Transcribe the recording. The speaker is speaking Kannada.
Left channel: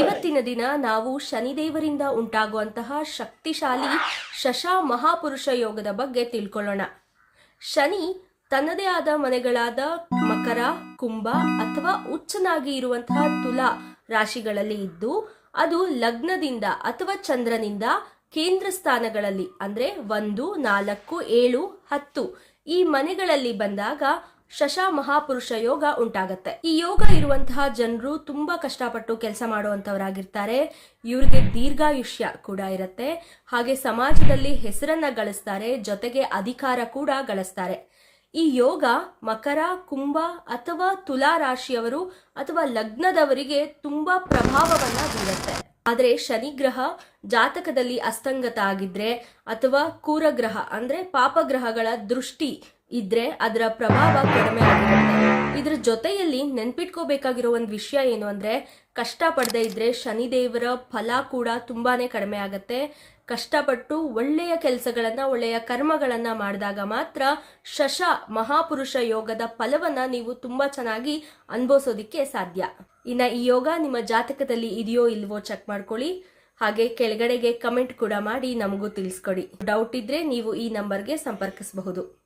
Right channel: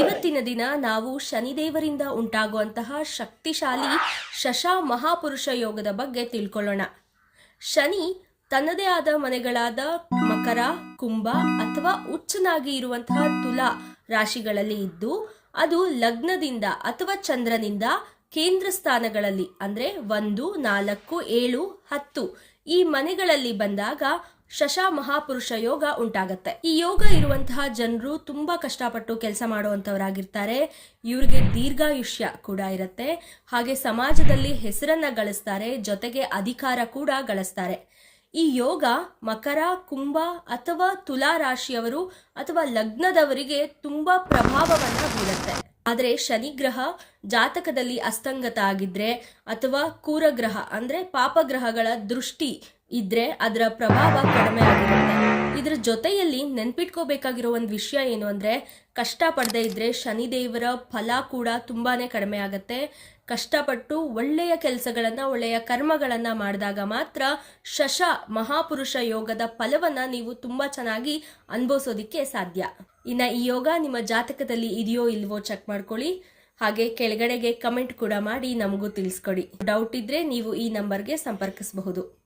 ಇವತ್ತಿನ ದಿನ ನಾವು ಶನಿದೇವರಿಂದ ಉಂಟಾಗುವಂತಹ ಶಕ್ತಿಶಾಲಿ ಶಶ ಮಹಾಪುರುಷ ಯೋಗದ ಬಗ್ಗೆ ತಿಳ್ಕೊಳ್ಳೋಣ. ಶನಿ ತನ್ನದೇ ಆದ ಮನೆಗಳಾದ ಮಕರ, ಕುಂಭ ಅಥವಾ ಉಚ್ಚನಾಗಿ ಇರುವಂತಹ ತುಲಾ ರಾಶಿಗಳಲ್ಲಿ ಇದ್ದು, ಅದು ಲಗ್ನದಿಂದ ಅಥವಾ ಚಂದ್ರನಿಂದ ಕೇಂದ್ರ ಸ್ಥಾನಗಳಲ್ಲಿ ಅಂದ್ರೆ 1, 4, 7, 10 ಈ ಮನೆಗಳಲ್ಲಿ ಬಂದಾಗ ಶಶ ಮಹಾಪುರುಷ ಯೋಗ ಉಂಟಾಗತ್ತೆ. ಈ ಯೋಗ ಇರುವಂತಹ ಜನರು ತುಂಬಾ ಕಷ್ಟಪಟ್ಟು ಕೆಲಸ ಮಾಡುವಂತವರಾಗಿರ್ತಾರೆ. ಇವ್ರಿಗೆ ದೀರ್ಘಾಯುಷ್ಯ ಕೂಡ ಇರುತ್ತೆ. ಹಾಗೆ ಸಮಾಜದಲ್ಲಿ ಹೆಸರನ್ನ ಗಳಿಸ್ತಾರೆ, ಜೊತೆಗೆ ಅಧಿಕಾರ ಕೂಡ ಗಳಿಸ್ತಾರೆ. ಈ ಯೋಗ ಮಕರ, ಕುಂಭ ಅಥವಾ ತುಲಾ ರಾಶಿಯವರು ಅಥವಾ ಲಗ್ನದವರಿಗೆ ತುಂಬಾ ಪ್ರಭಾವವನ್ನ ಬೀರುತ್ತೆ. ಆದ್ರೆ ಶನಿಗ್ರಹ ಜಾತಕದಲ್ಲಿ ಅಸ್ತಂಗತ ಆಗಿದ್ರೆ ಅಥವಾ ಕೂರಗ್ರಹ ಅಂದ್ರೆ ಪಾಪಗ್ರಹಗಳ ದೃಷ್ಟಿ ಇದ್ರೆ ಅದರ ಪ್ರಭಾವ ಕಡಿಮೆ ಆಗಿರುತ್ತೆ. ಇದ್ರ ಜೊತೆಯಲ್ಲಿ ನೆನ್ಪಿಟ್ಕೋಬೇಕಾಗಿರೋ ಒಂದು ವಿಷಯ ಏನು ಅಂದ್ರೆ, ಕಷ್ಟ ಪಡದೆ ಇದ್ರೆ ಶನಿದೇವರ ಫಲ ಕೂಡ ತುಂಬಾನೇ ಕಡಿಮೆ ಆಗತ್ತೆ. ಕಷ್ಟಪಟ್ಟು ಒಳ್ಳೆಯ ಕೆಲಸಗಳನ್ನ, ಒಳ್ಳೆಯ ಕರ್ಮಗಳನ್ನ ಮಾಡಿದಾಗ ಮಾತ್ರ ಶಶ ಮಹಾಪುರುಷ ಯೋಗದ ಫಲವನ್ನ ನೀವು ತುಂಬಾ ಚೆನ್ನಾಗಿ ಅನುಭವಿಸೋದಿಕ್ಕೆ ಸಾಧ್ಯ. ಇನ್ನ ಈ ಯೋಗ ನಿಮ್ಮ ಜಾತಕದಲ್ಲಿ ಇದೆಯೋ ಇಲ್ವೋ ಚೆಕ್ ಮಾಡ್ಕೊಳ್ಳಿ. ಹಾಗೆ ಕೆಳಗಡೆಗೆ ಕಮೆಂಟ್ ಕೂಡ ಮಾಡಿ ನಮಗೂ ತಿಳಿಸ್ಕೊಡಿ. ಡೌಟ್ ಇದ್ರೆ ನೀವು ಈ ನಂಬರ್ಗೆ ಸಂಪರ್ಕಿಸಬಹುದು.